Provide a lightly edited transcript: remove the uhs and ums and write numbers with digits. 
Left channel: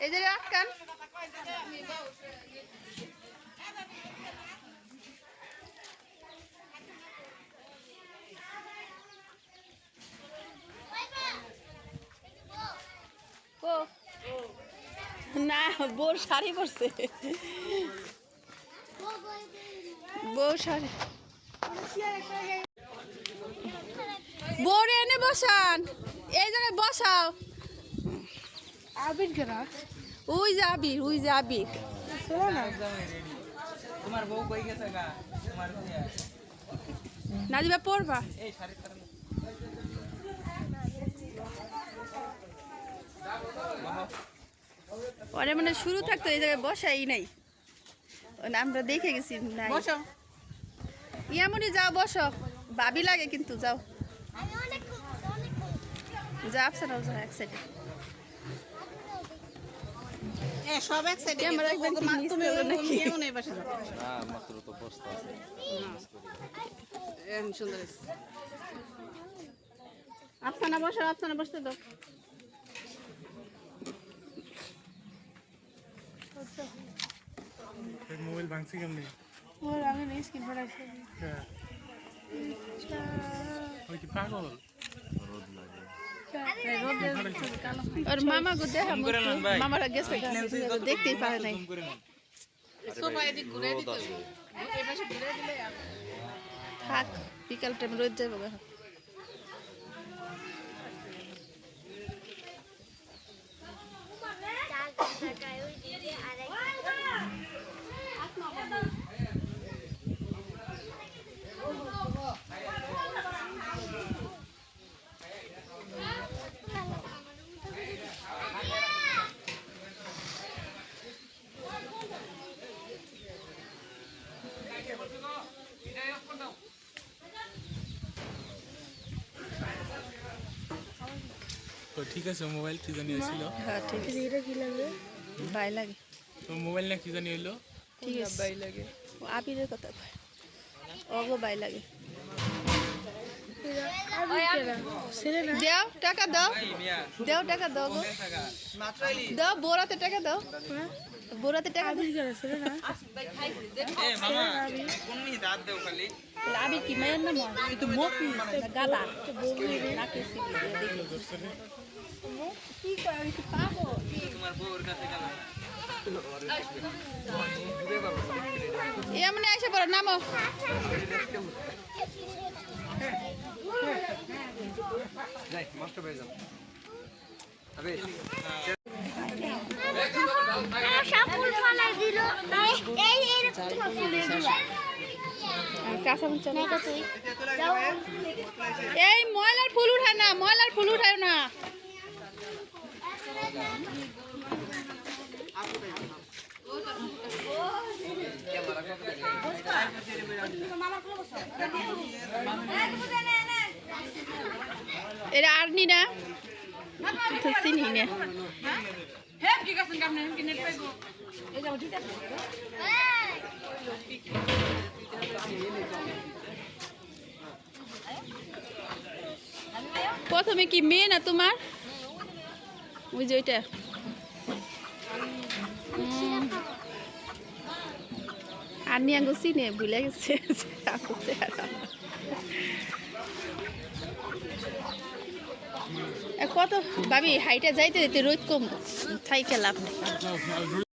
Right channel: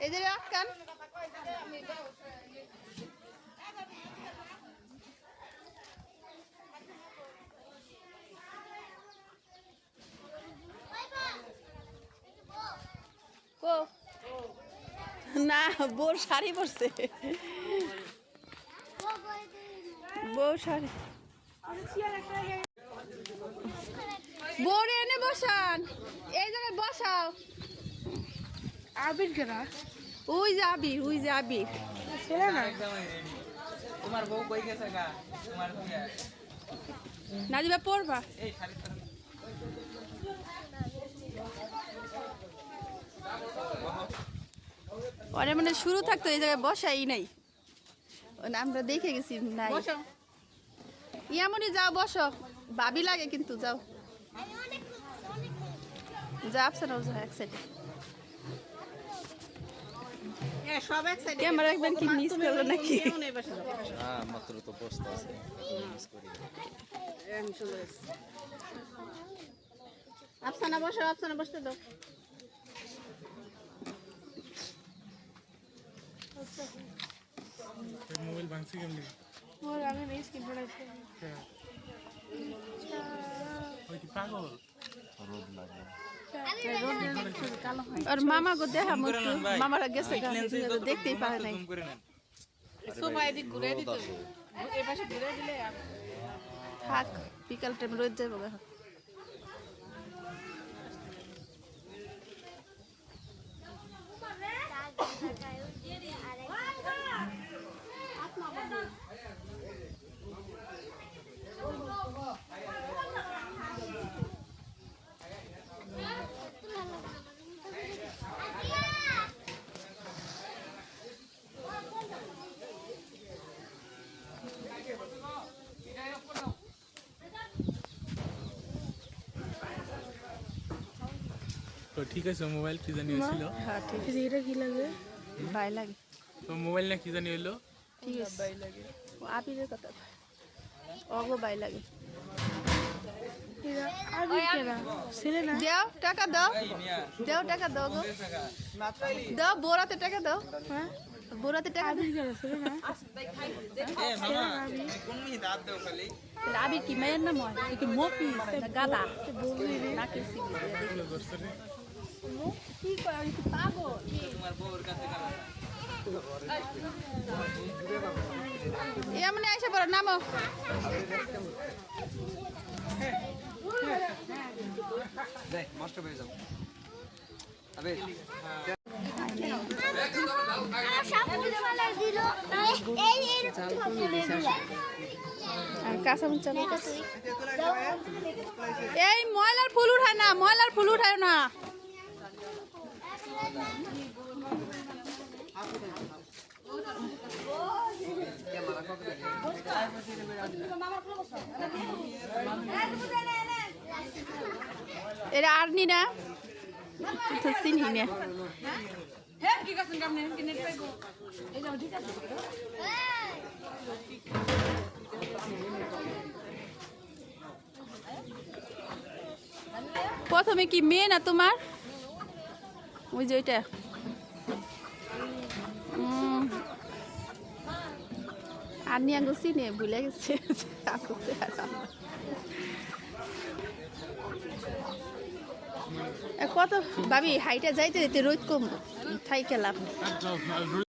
এই যে আটকান ও না বোর শাড়ি পরছে বউ শাড়ি বোরে এনে বসান এই জায়গায় বসাও আবির কেনা ওই যে আবির ছেলে না তোমার বউ কই গেছে গা তোমার নাজিবা পড়বা এই শাড়ি ওরে মানে শুরু থাকতো এই জায়গায় বসাই নাই আমরা দেখে গেছি নাই ইয়ামনি যাও বসো ভাবি লাগে কিন্তু যাও যা আপসানাও যাও এক সাইডে সব এক সাইডে ক্যামেরা একদম ঠিক মিস করলো নাকি হ্যাঁ মাত্র তো বসতে আছে সুন্দর আপসানা বসতে দাও মোবাইল ভাঙছি কেমনি আমি স্ক্রিন বানাইছি ওই কি পাগল আর মামা গো দেখা মামারা গেছে গাছে দেখতেই পারে নাই সোফা এদিক ঘুরে দিতে এই পাশে ঘুরে দিলে থাক বিকাল টাইম রোদ যাবো গা তো ঠিক আছে মোবাইল কি জানি হয়েছিল হ্যাঁ ঠিক আছে এটা কি লাগে বাই লাগে তো মোবাইল না কি জানি হইলো ঠিক আছে বাই লাগে ও আবিরের কথা কয় অগো বাই লাগে আবির কেনা ছেলে না দাও টাকা দাও টাকা দাও গো মাত্রাইলি দাও বোরাতে টাকা দাও হ্যাঁ বোরাতে টাকা দাও আবির কেনা ছেলে না এ মামা কোন মি দাঁত দেও খালি তাহলে আবির কি মেয়ের নাম হয় একটু মফি না গাদা নাকি সিবি দিয়ে দেখি কি কয় আমি কি পাবো তোমার বউর কাছে গেল এমনি এসে পড়ো নামো যাই নষ্ট হয়ে যাবে আবে কাঁচা মরিচ এই ময়লার ফুল উঠায় না না এটা আর নি না চিনি না প্রথমে কি মেয়ে না তোমার ওই যে ওইটা আর নিয়ে আঙ্গুল চিনে ভুলে গেছে কত ভাবি হাইটা যাইতে যেতে রোদ কম থাইকে লাভ নেই